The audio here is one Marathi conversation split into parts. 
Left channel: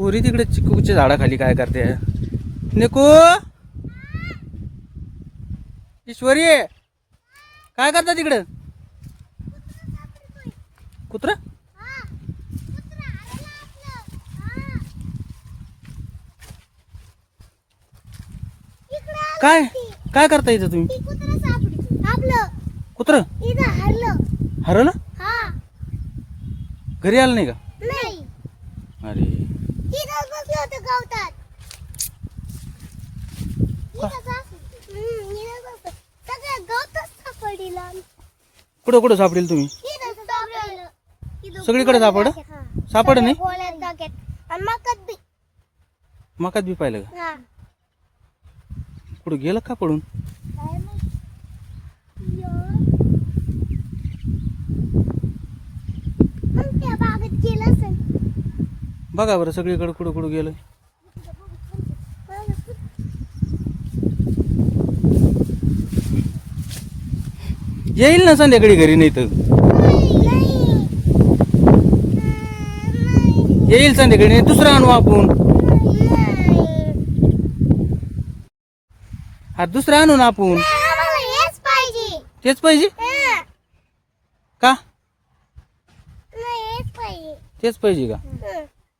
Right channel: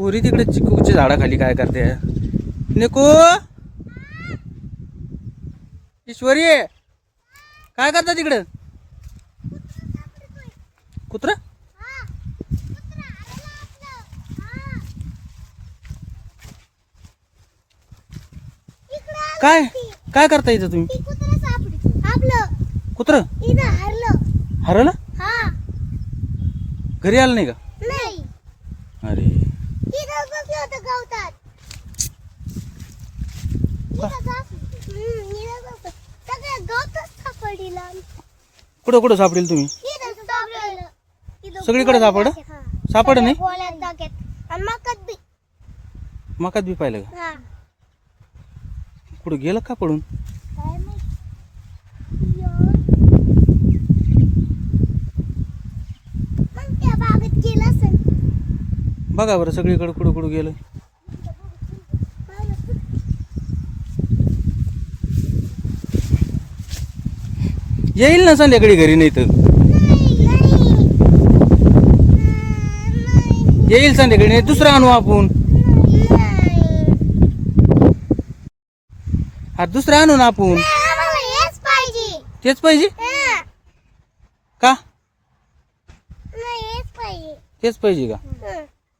पोरी तिकडे चिकूच्या झाडाखाली काय करते? निकू, ईश्वरी काय करता तिकडं? कुत्रा काय काय करता इथं तुम्ही? कुत्र हरलं? घरी आलं नाही का? अरे कुठं कुठं सापडेल तुम्ही? सगळीकडे सापड नाही? मकात बी पाहिलं का? कुठं गेलं का पडून? बघा बरं सगळीकडे कुठं कुठं गेलं. येईल ना संध्याकाळी घरी, नाही तर येईल संध्याकाळी. नाही दुसरा आणू आपण. हा दुसरा आणू ना आपण. तेच पाहिजे का? तेच पाहिजे का?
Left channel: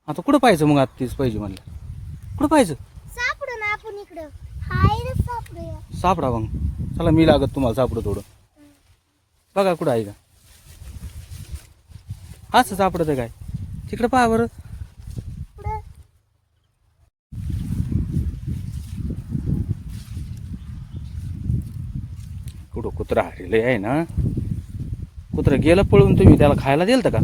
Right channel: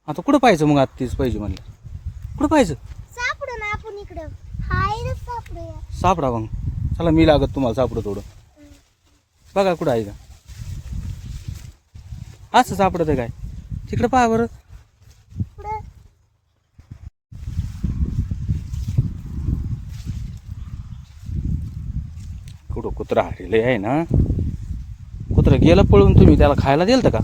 आता कुठं पाहायचं मग? आता तेच पाहिजे म्हणलं. कुठं पाहायचं? सापडा मग. चला मी लागत तुम्हाला सापडं थोडं. बघा कुठं आहे का? असं सापडत काय? तिकडं पहा बरं. कुठं कुत्रा हरले आहे ना? कुत्रा गेलं पळून. तुम्ही त्याला खायला दिलं का?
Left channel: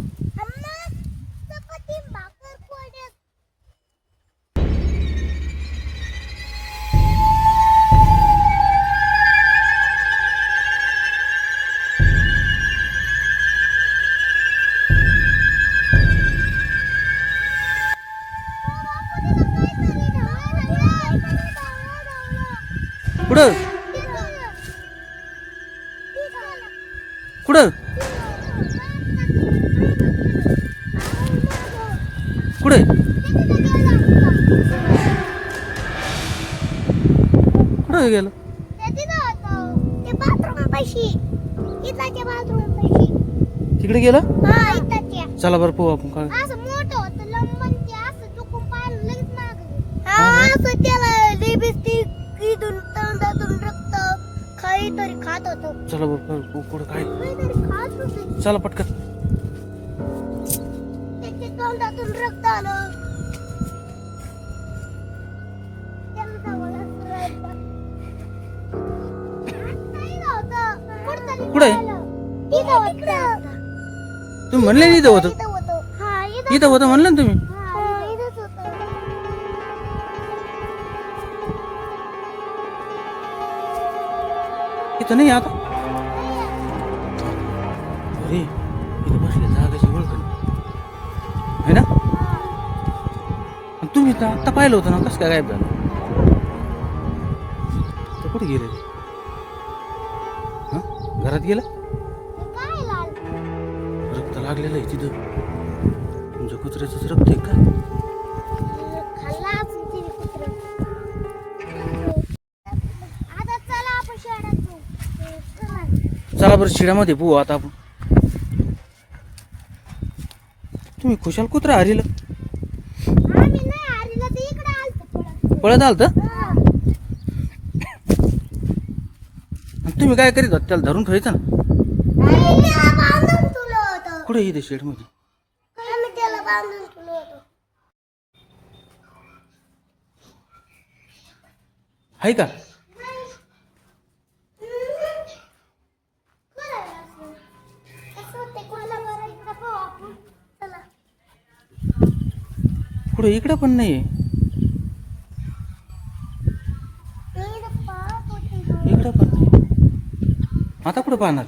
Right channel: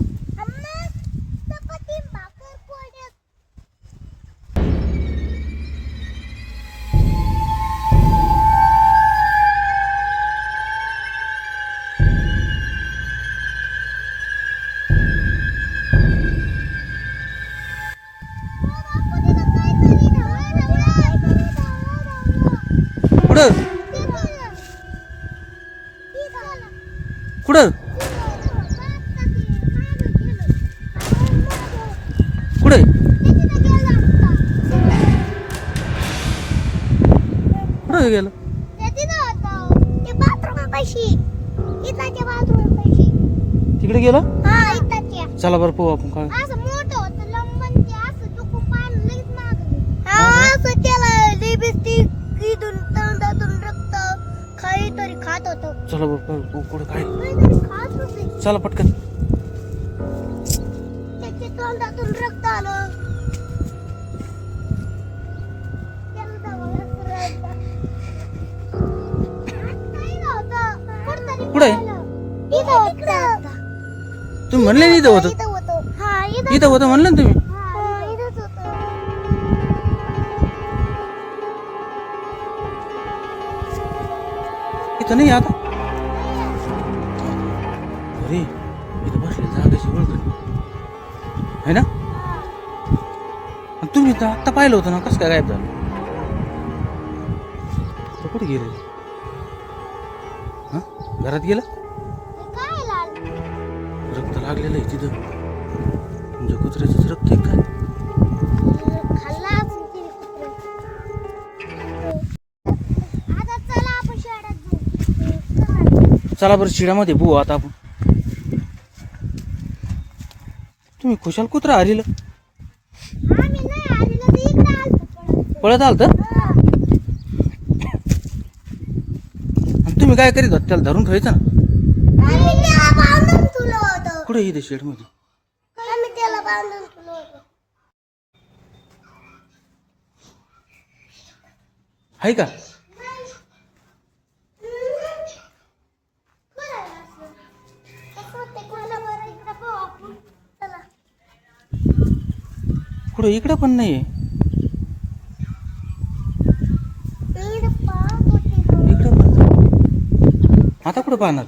कुठं कुठं कुठे कुठं गेलं? तिकडे गेलं? चला बरं पाहू आपण काय. चला बरं कुठं काय. चला पटकन. तोंडातून रक्त आलं. कुठे तुम्ही म्हणले नाही? इथं होतं. इथं होतं म्हणलं ना तुम्ही. इथं नाही आता. अरे इथं बसले जागाची ओळख आहे ना? तुम्ही तर आत्ता पाहिलं होतं ना. कसं काय गायब झालं? तर कुठे गेले? हा घरात गेलं? रक्त लागलेलं आहे तिथं. तुमच्या कुत्र्याचंच रक्त आहे काय? चला बरं शिड्यामध्ये बघू आता आपण. तुम्ही खुशाल कुत्रा हरिलं. पळत आलत. तुम्ही काय करीत होता? त्याला धरून ठेवायचं ना. कुठे इथे शेड मध्ये? आहे का? कुठे इकडे पण नाहीये. इकडे पण. आता कुठे पाहणार?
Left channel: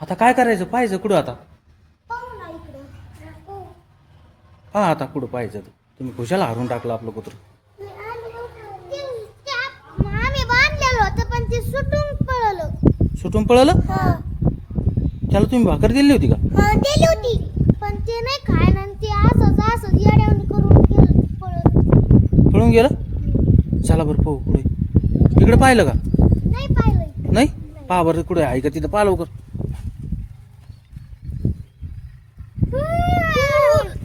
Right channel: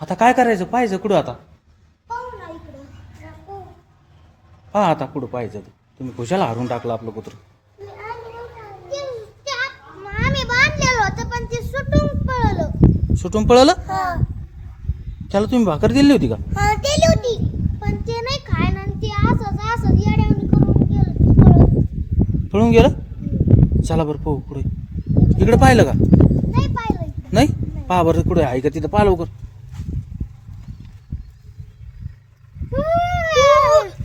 आता काय करायचं? पाहायचं कुठं आता? पहा आता कुठं पाहायचं. तुम्ही खुशाला हारून टाकलं आपलं कुत्र. सुटून पळालं. हा त्याला तुम्ही भाकर दिली होती का? हा दिली होती पण ते नाही खायला आणि ते असंच येड्यावणी करून गेलं पळत. पळून गेलं. चला बरं पाहू पुढे. इकडे पाहिलं का? नाही पाहिलं इथं. नाही. पहा बरं कुठे आहे का तिथं, पाहा लवकर.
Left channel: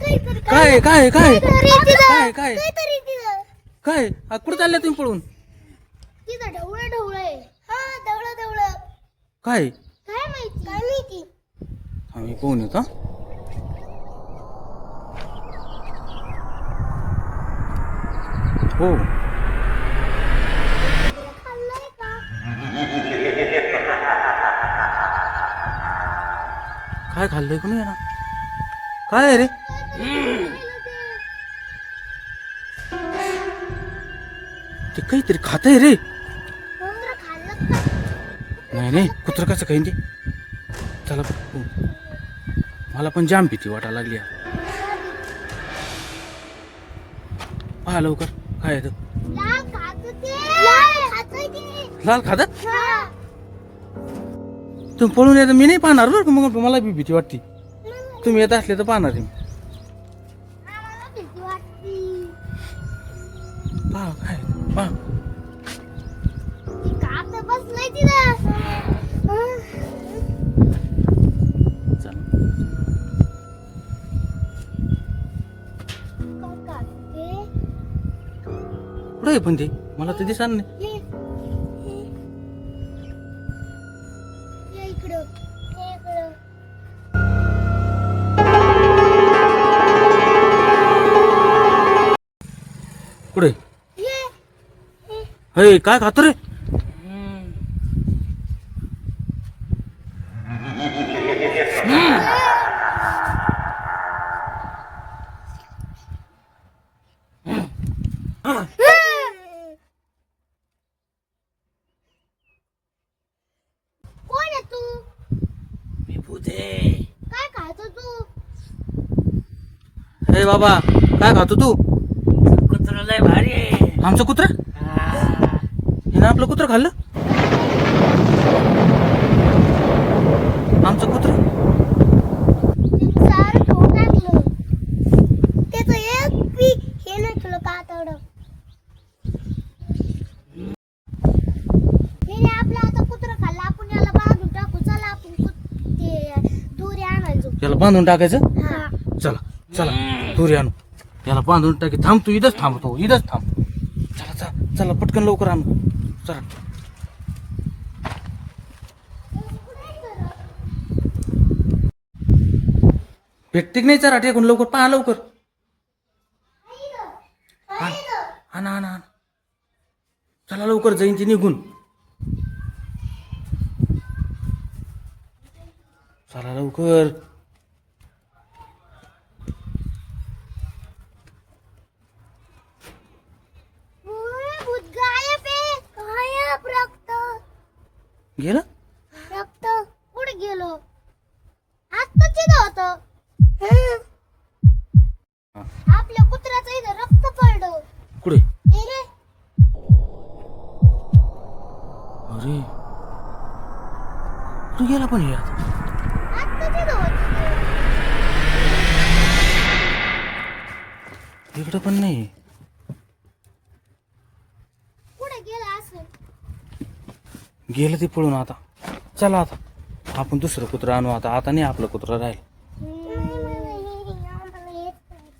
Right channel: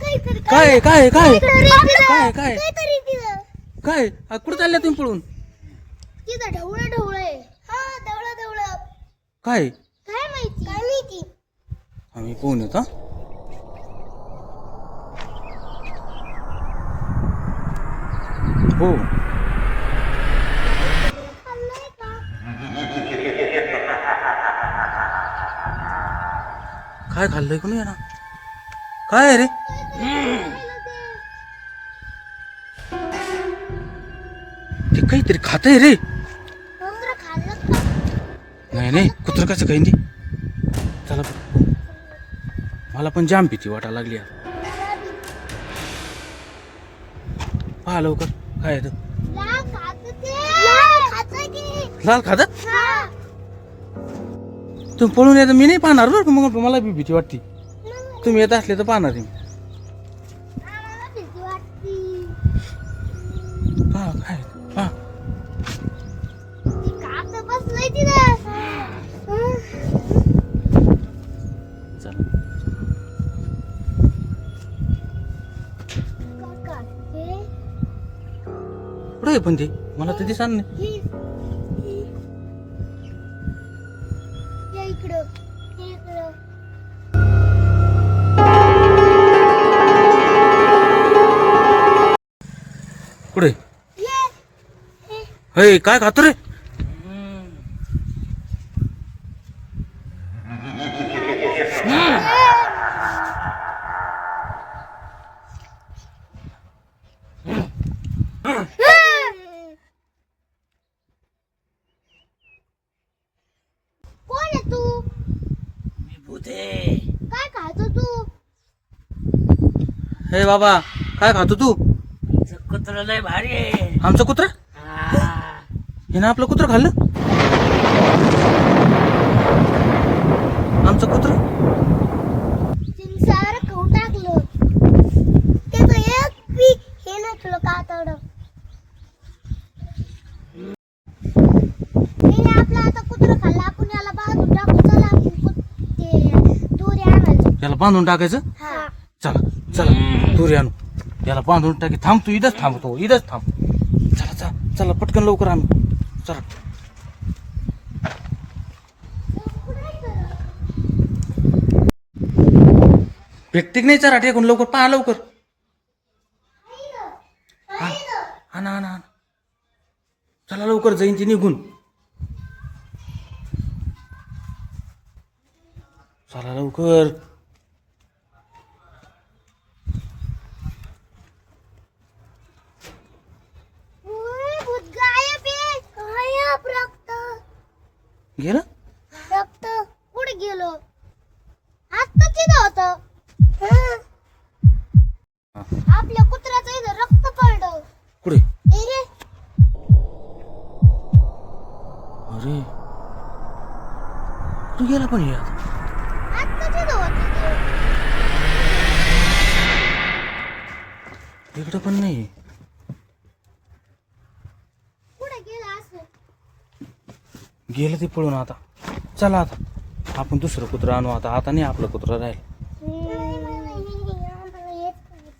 काहीतरी काय काय काय काय काय काहीतरी तिथं काय कुठे चालल्या तुम्ही पळून? तिथं ढवळं ढवळं आहे. हा ढवळं ढवळं काय काय माहिती आम्ही पाहून येतो. हो खाल्लंय का? काय खाल्लंय कोणी ना? काय आहे रे? ते काहीतरी खातंय रे. उंदरं खाल्लं का? नाही नाही, कुत्र कसं काही ते. चला बरं. मला पण जाम भीती वाटायला लागली यार. पहा लवकर काय आहे ते. लाल खातं ते. लाल खातं ते. लाल खात हा. तुम्ही पळून येतं, मी नाही पाहणार बरं का. मग मला बी भीती वाटते. तुम्ही येत असले तर पाहणार आहे मी. आम्हाला भीती वाटती. पहा काय आहे ते. पहा ती खातं बसलंय तिथं. चला. काका, हे कुठं आहे पण ते? मला तर दिसणार नाही. हे इकडं. हे इकडं. कुठे? हे हे काय खातो रे? कोण आहे तू? मी भूत आहे. काय खातो तू? हे बाबा काय खातो तू? कुत्र लय भारी आहे. आमचं कुत्र? हा. हिनं आपलं कुत्र खाल्लं? आमचं कुत्र? तिने सारं खाऊन टाकलं. त्याचं एक बी हे नाही ठेवलं कातडं. हिने आपलं आता कुत्रं खाल्लं. आपण याला बांधून टाकू. चला आपण ते दोरी आणायचो. याला बांधून टाकायचं. हा. चला चला दोरी आणू. याला बांधून टाकी. थांब तू इथंच थांबतो, इथंच थांब. चला चला चला पटकन लवकर आणू. चला. भेटते की नाही चरा टेकून लवकर पहा लवकर. आण आणा आणा आणा. चला लवकर जाईन ती निघून. चला लवकर. भूत गायब आहे. गायब. रक्त गेलं. रक्त कुठे गेलो? आता तिथं होतं. आपल्या कुत्र्याचं इथं रक्त पडलं. कुठे? हे अरे कुठे गेला पण हे आता? आता तिथं होतं. इकडं पण नाही. कुठे गेला असं? गेलं ते पळून आता. चला आता आपण दुसरं कुत्रं आणू. आता आता नाही आपलं कुत्रं राहील. आम्हाला येत नाही.